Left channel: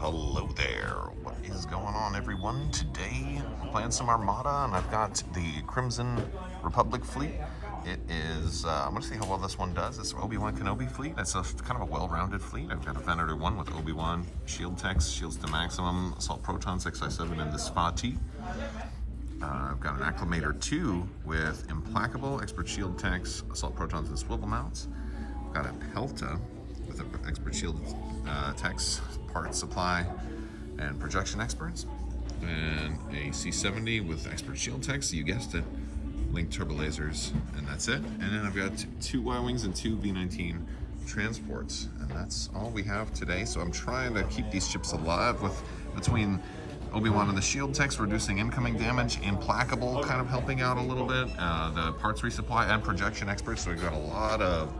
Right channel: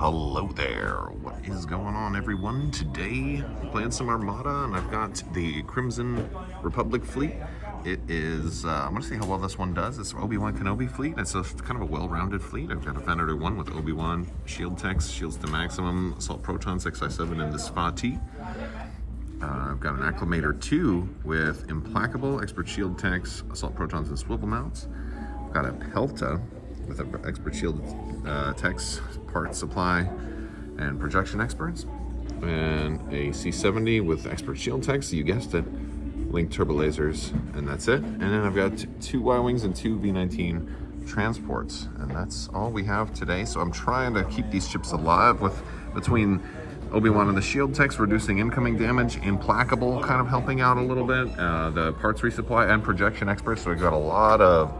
Hello there. What is going on, everyone? Today, I'm playing some Armada, and I've got the Crimson Republic fleet. It is, I'm going to see how well this one does. It's Obi-Wan Kenobi fleet. It's a kind of a well-rounded fleet. I've got a Venator 1 with Obi-Wan, shield techs, shields to maximum, assault protons, XI7, and the Spa T. I've got an Acclimator 2 with Implacable, Expert Shield Techs, Assault Protons, and Swivel Mounts. I've got a Pelta with Expert Shield Techs, Parts Supply, and Projection Experts. And a C-70 with Expert Shield Techs, you guessed it, Linked Turbo Lasers, and that's it. And then I've got two Y-Wings and two V-19 transports, and that's all we have today. So I'm trying to keep these ships alive between Obi-Wan and the shield techs, reducing incoming damage, Implacable kind of helping out a little bit, the parts resupply, and projection experts. So we've got a lot of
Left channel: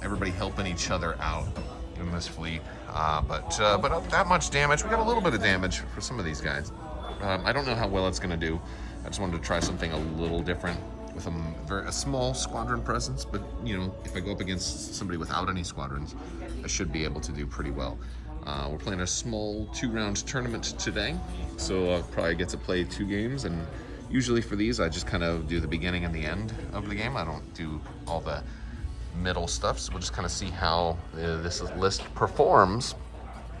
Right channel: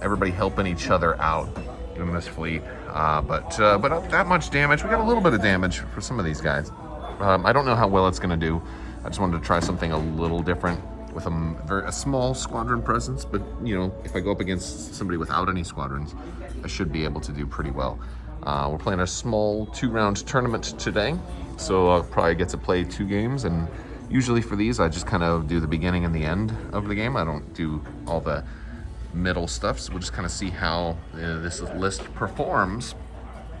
everybody helping each other out in this fleet, but not that much damage. We got a little bit of damage for some of these guys. I don't know how well it's going to do. I just wanted to try something a little different with a small squadron presence, but you know, if I go up against somebody without any squadrons, I should be able to do pretty well. We're playing a small 2-round tournament today, so I'll probably get to play 2 games, and usually for these I just kind of do the beginning and the end of the game. I don't do all the middle stuff, so we'll just kind of see how this list performs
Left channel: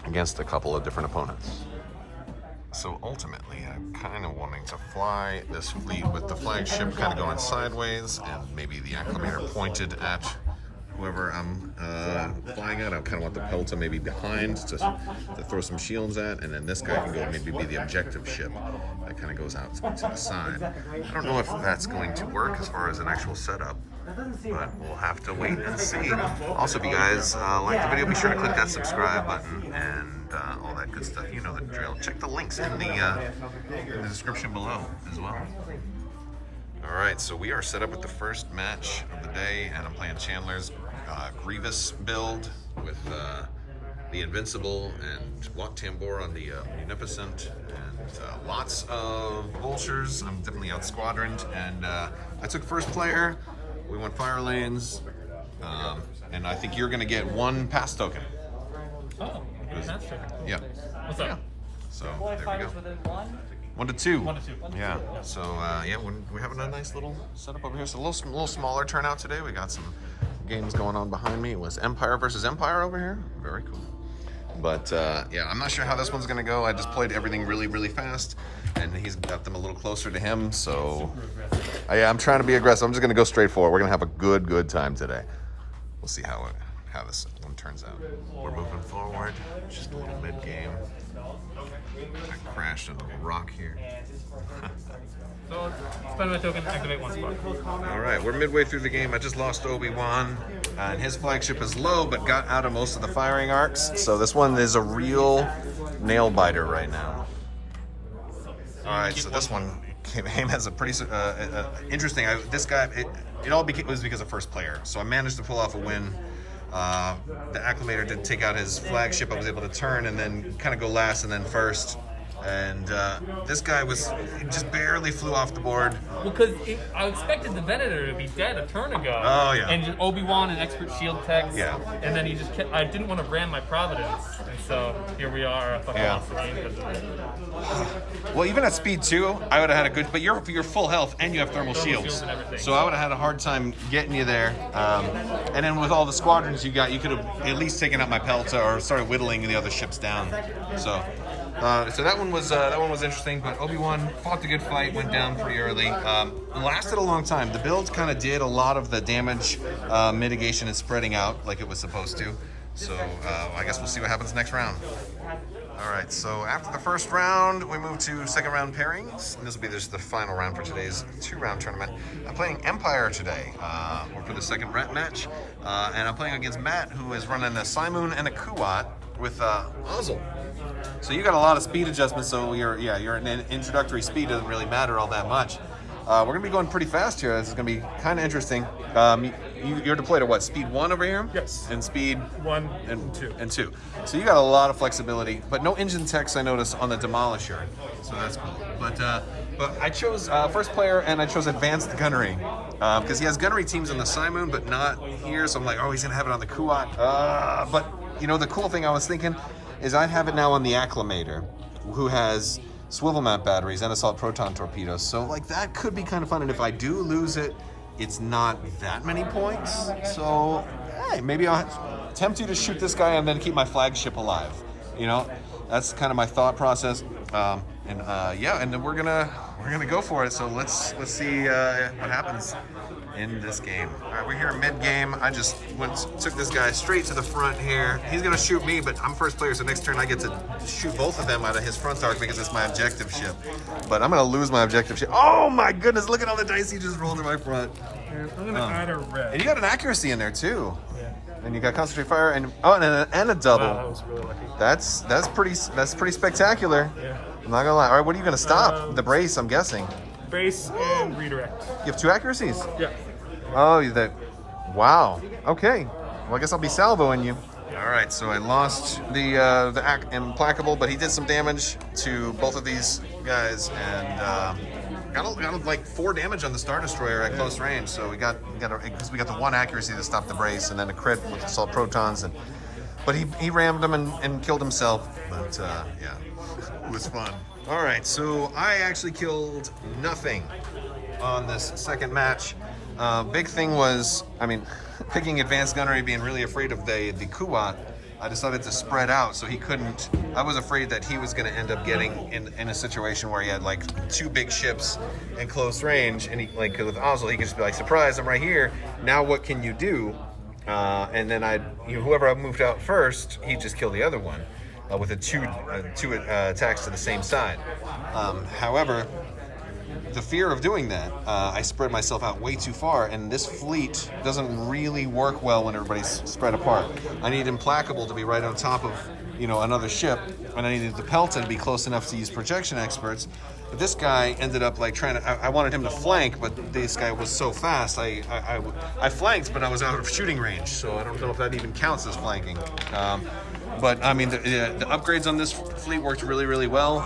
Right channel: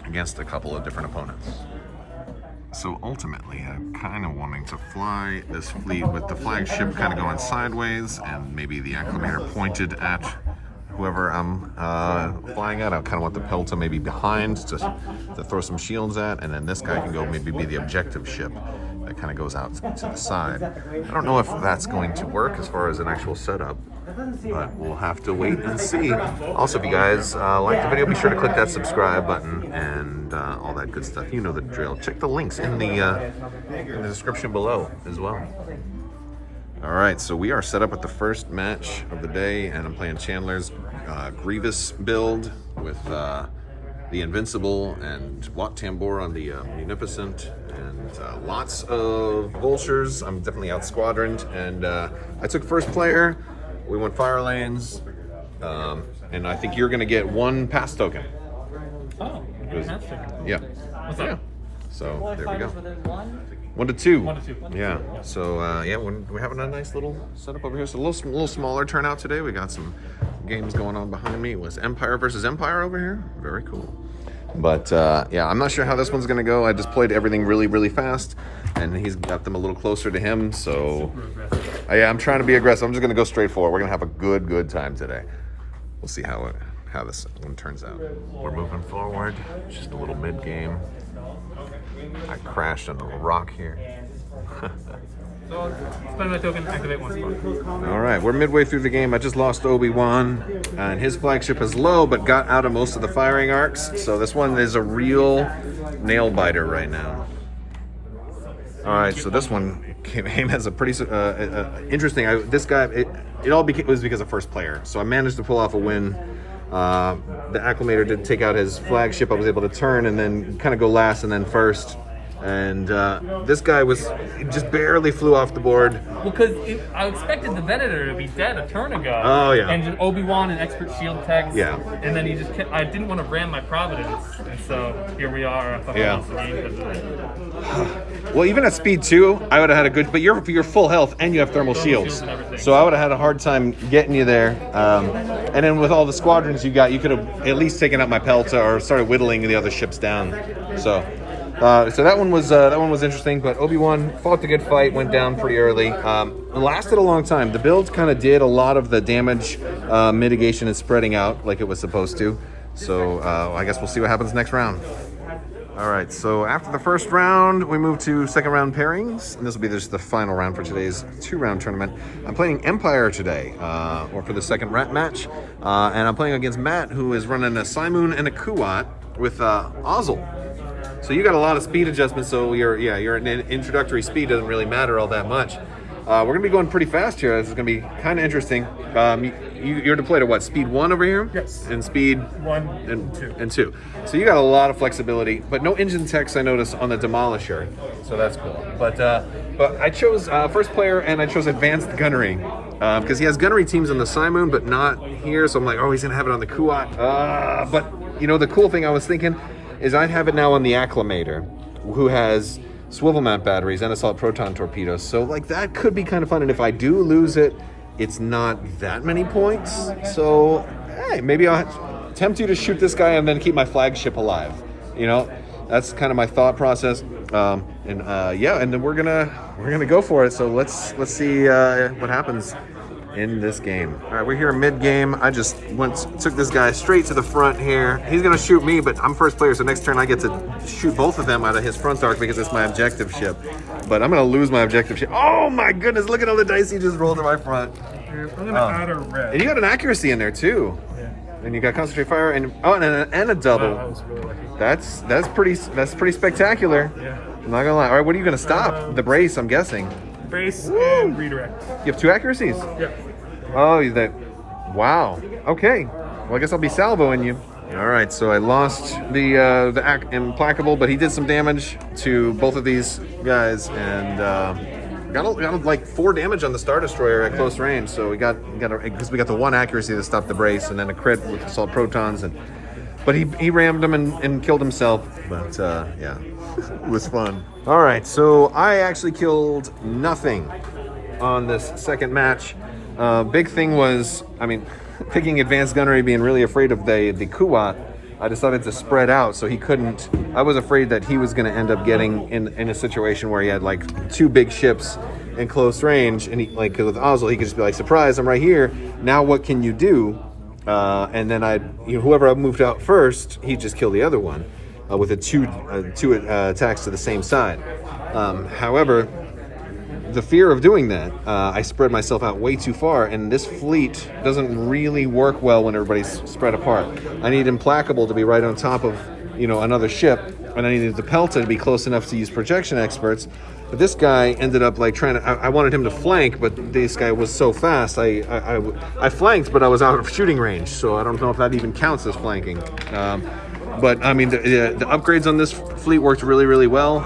against a couple of different opponents. So ultimately, I'm kind of wanting to fly this fleet with the flagship kind of going sideways and maybe the Acclimator pointed at whoever I'm flying at. I kind of want the Pelta maybe behind to throw some shields at, and then this guy can go maybe be the objective ship that kind of goes out to the side. I don't know if that's going to work as far as an actual setup, but we'll have to wait and see. Also, if you guys like the video, be sure to click that subscribe button and all that good stuff. You know the drill. Check the links in the description below as well. All right, so we are set up with the first match of the day, and I'm playing Chandler's Grievous build with the Invincible and Wat Tambor on the Munificent, and lots of Vultures. I'm definitely out squadroned, and I took first player. We went fire lanes, and I think you're going to get 1 pass token. Oh, pass token. Cool. Yeah. What's up? Yeah. So there we go. 1 to 2. 1 to 2. Yeah. So yeah, we're having a nice little setup over here. It's a little smaller turnout today. We got some games going on behind me. It was Empire versus Empire over here. Very cool. But yeah, I'm not sure how this one's gonna go. I just played everything really fast, and he's got them a little closer to him. So I'm trying to be aggressive. I'm just gonna go straight forward. We're gonna have a good time today. We'll see how this one turns out. We're moving forward. Just a little mid game. I crashed on a rock here. So, spend my token, activate 1 spot. All right, we're midway through the game. I just lost Obi-Wan, and his flagship is low, but got out of most of the firing arcs. So this one is a real nail biter right now. All right, so this one came as a pretty interesting. This guy, it all was because of first player. So I managed to pull off a win. The Acclimator did take out his flagship. I was able to turn and then kind of go last and then first. And this guy just barely flew off the board. Because I expected the Venator to be dead a turn ago. Oh, yeah. And just Obi-Wan and Expert Shield Techs. Yeah. And then he just kept, I didn't want to ram my Providence. And so here we are. I fucking lost the game. Well, even at speed 2, I would have had a good, but you're full health and you have thermal shields. So I would have had a hard time getting you there. And then with all the squadrons you got, you could have at least taken out my Pelta or started whittling the other ships down. So that one was interesting, but Obi-Wan fought a good fight, went down pretty early. It lasted a long time. The build kind of did a lot of the damage mitigation and spreading out like it was supposed to. So I guess we'll see what happens next round. All right, so after the first round, we move to second round pairings, and this will be just the final round for today's 2-round tournament. I'm playing Empire today, or for the second match, and I'm playing against Matt, who is running a Simoon and a Kuat with Ozzel. So you got a lot of speed adjustments, so your introductory speed doesn't really matter all that much. We're gonna be going pretty fast here. This is gonna be kind of interesting. You're deployed at what, speed 1 over here? Yes. And speed 1 and 2. So you got a lot of flexibility, but no engine techs I noticed on the Demolisher, so that's cool. But I chose first player, and I chose advanced gunnery because he has gunnery teams on the Simoon, but not here. So I'm like, oh, he's gonna have it on the Kuat. But you know, the cool thing I was thinking, is I'd have it now on the Acclimator, who has swivel mount batteries and assault proton torpedoes. So like that could be kind of fun. And if I do lose it, it's not that many points. So hey, maybe I'll tempt you to shoot this guy and then keep my flagship alive. You know, that's kind of my thought process. Yeah, and then we're gonna go for it. So let's see what happens in this game. All right, we're here mid-game. I just took this guy straight to the front here. He's gonna shoot me, but I'm first player, so next turn I get to shoot both of them out of his front arc because it's my objective ship. But I'm gonna lose my objective ship. Oh my goodness, look at all the dice he just rolled in my front. I'm gonna add a red. And you got an accuracy in there too. Yeah. And you got concentrate fire and a double. Wow, that was really lucky. That's pretty spectacular. Yeah. I'm not gonna lie. All right, what are you gonna stop? The brace, I'm guessing. Brace and redirect. You have 2 accuracies? Yeah. Oh, wow. Okay. Well, I guess I'll be salvoing you. All right, so I lost the Implacable, but he did some damage to both of these guys, and got like 4 damage on the Star Destroyer at close range. So we got the 1 accuracy to stop the brace, and then a crit with assault protons, but he rammed him and killed himself. But yeah, it was fun. All right, so I actually killed nothing on this second match. Big thing was, I mean, picking advanced gunnery, being really afraid of the Kuat, I decided to spread out so he couldn't. I was afraid that he was going to end up getting in a situation where he had like 2 big ships in close range, and he, like with Oslo, he could just be like, surprise, I'm right here. Now what can you do? And then whoever I moved out first, he'd just kill the other one with a two attacks to the same side. However, the fear of doing that, I spread myself out way too far, and this fleet doesn't really work well when everybody's spread apart. I need Implacable to be right on top of, another ship, and I needed the Pelta to be close enough to use projection experts. But this guy ended up like trying to. I wanted him to flank, but this guy was so fast. I flanked, but I was out of shooting range, so I don't know if that even counts as flanking. But I mean, the upgrades on this fleet worked really, really well.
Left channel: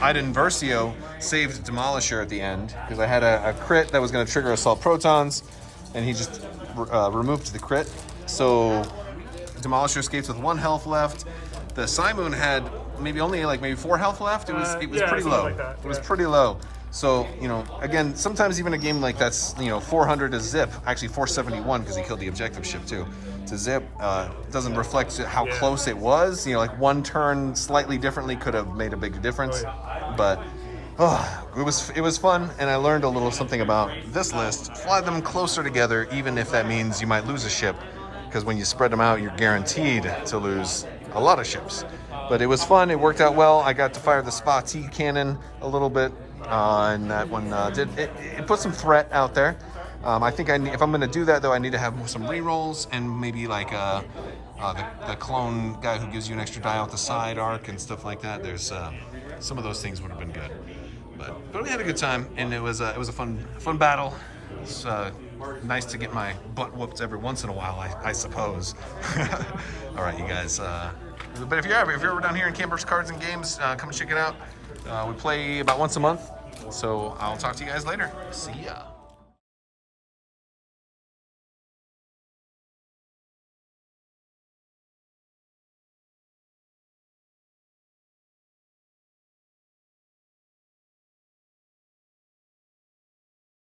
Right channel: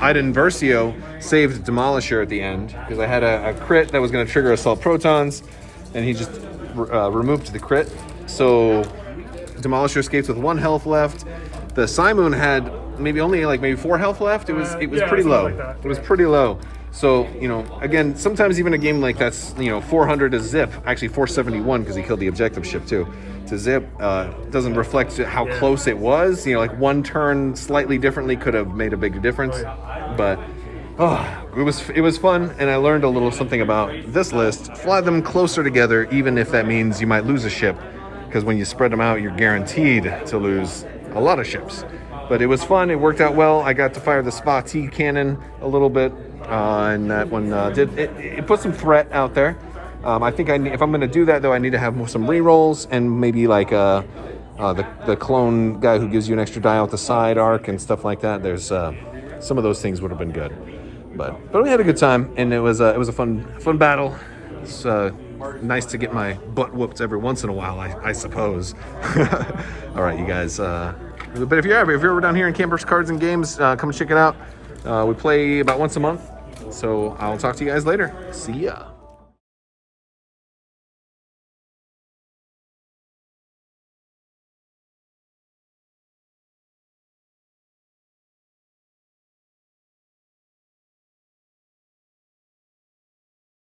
Iden Versio saved Demolisher at the end because I had a crit that was going to trigger assault protons, and he just removed the crit. So Demolisher escapes with 1 health left. The Simoon had maybe 4 health left. It was pretty low. Like that. It was pretty low. So, again, sometimes even a game like that's, 400 to zip, actually 471 because he killed the objective ship too. To zip doesn't reflect how close it was. Like 1 turn slightly differently could have made a big difference. But it was fun, and I learned a little something about this list. Fly them closer together, even if that means you might lose a ship, because when you spread them out, you're guaranteed to lose a lot of ships. But it was fun. It worked out well. I got to fire the Spa T cannon a little bit, and that one it put some threat out there. I think if I'm going to do that, though, I need to have some rerolls and maybe like the clone guy who gives you an extra die out the side arc and stuff like that. There's some of those things would have been good, but we had a good time, and it was a fun battle. It's nice to get my butt whooped every once in a while, I suppose. All right, you guys. But if you're ever down here in Campers Cards and Games, come check it out. We play about once a month, so I'll talk to you guys later. See ya.